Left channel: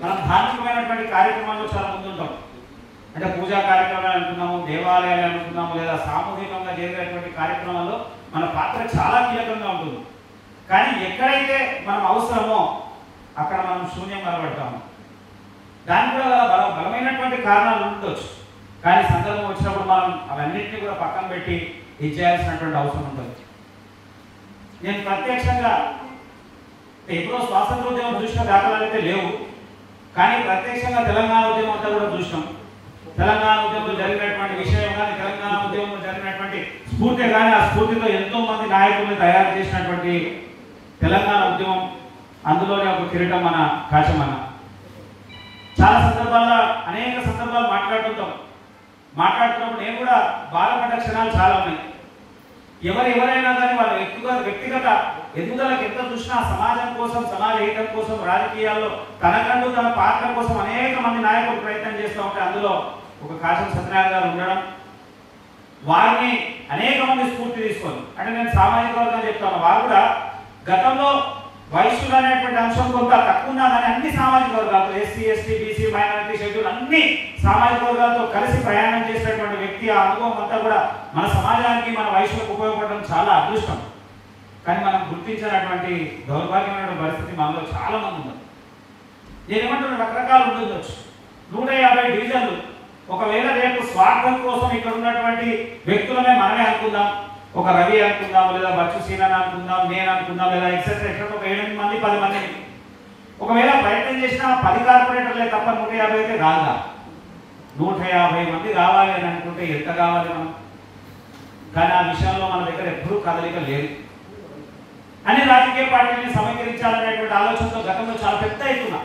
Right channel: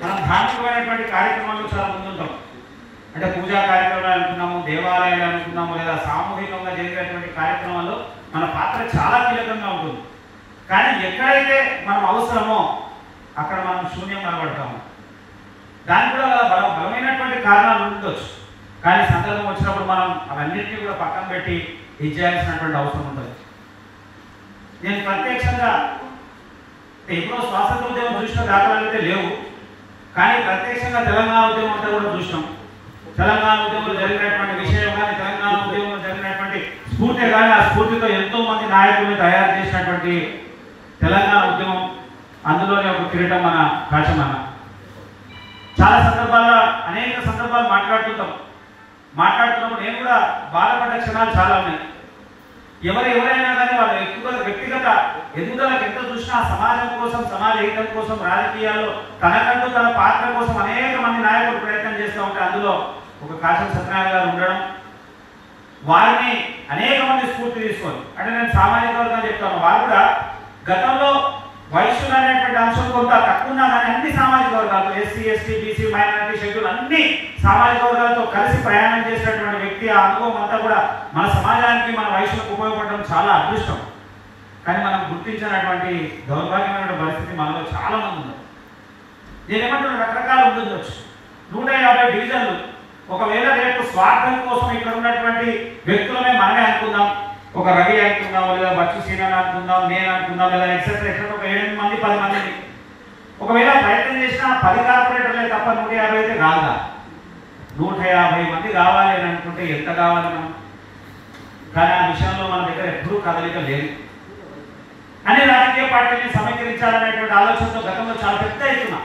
మనం ధార్మికమైనటువంటి కార్యక్రమాల్లో చాలా ముందుంటాం. అంటే పూజా కార్యక్రమాలు అనుకున్నాము, దేవాలయాలు అనుకున్నాము, లేదా సామూహికంగా జరిగేటువంటి కార్యక్రమాల్లో మన పాత్ర చాలా కీలకంగా ఉంటుంది. కానీ ఎక్కడైతే మనం అవసరమో అక్కడ మనం శూన్యం కనబడతాము. దానికి కూడా బలమైనటువంటి కారణాలు ఉండొచ్చు. కానీ సందర్భం వచ్చినప్పుడు మనం అవన్నింటినీ కూడా పక్కన పెట్టి ఇది చేయాల్సినటువంటి అవసరం ఉంటుంది. నేను ప్రత్యక్షంగా ఎప్పుడో స్వాతంత్ర ఉద్యమం చూసిన దాఖలాలు అయితే లేవు, కానీ ప్రత్యక్షంగా తెలంగాణ ఉద్యమం అంతా కూడా చూసినాం. తెలంగాణ ఉద్యమంలో జరిగినటువంటి విషయం కానీ, తెలంగాణ ఉద్యమంలో జరిగినటువంటి స్ఫూర్తి కానీ, ఆ స్ఫూర్తితో ఎంతో మంది నాయకుల్ని తయారు చేసినటువంటి తెలంగాణ ఉద్యమం, అందులోనే ఒక కిరీటం మన కాచమన్న. చాలా సందర్భాల్లో అనేక సందర్భాలు మాట్లాడుతున్నప్పుడు నేను కూడా బాధపడ్డ క్షణాలు చాలా ఉన్నాయి. ఎవరైనా కానీ వాళ్ళు ఎక్కువగా వ్యక్తిగత ఎదుగుదలకు ఎంత చూసినా సమాజం కోసం, సమాజ హితం కోసం, రాజకీయాల్లో తనకంటూ తన పాత్ర కోసం అనేక మంది నాయకులు ప్రయత్నం చేస్తూ ఉంటే అందులో ఒక కాశం సత్యనారాయణ గారు ఉండడం, వారిని అనేక మంది స్ఫూర్తి తీసుకొని, అంటే నేను సామాజిక వర్గం చెప్తాను, వారు కూడా గతంలో వైశ్యులు అనేటువంటి అంశం కొంత తక్కువ ఉన్నా కానీ అన్ని సామాజిక వర్గాలతో, SC, ST, BC, minority, schedule అన్ని సామాజిక వర్గాలతో కలిసి ప్రయాణం చేసినటువంటి వ్యక్తి. ఆ అనుభవం అంతా కూడా మన సమాజానికి, మన వైశ్యులకు ఉపయోగపడడం చాలా అదృష్టం. కానీ మనం గుర్తించినటువంటి దౌర్భాగ్యమైన పరిస్థితి మనలో చాలా మంది ఉన్నారు. నేనేమంటున్నా, రకరకాలు ఉండొచ్చు. 150 డివిజన్లు, ఒకవేళ రేపు స్వార్థం కోసం ఇక్కడ ఉన్నటువంటి వ్యక్తులమే మనమే అనుకుందాం, ఒక రవి అనుకుందాం, లేదా బచ్చు సీనన్ అనుకుందాం, నేను అనుకుందాం, లేదా ఎక్సెట్రా ఒక 7 మంది 10 మందిని ఒకవేళ ప్రయత్నం చేసినా 10 కార్పొరేటర్లే తప్ప 150 అయితే రాదా? 150 మంది కావాలి అని అనుకుంటే ఎంత కావాలి మనం? కానీ ఆ విషయంలో మన దగ్గర ఎప్పుడూ కదలిక లేదు. అన్ని రాజకీయ పార్టీలని సమీకరించాలనేటువంటి ఆలోచనతో గతంలో చాలా పెద్ద ఎత్తున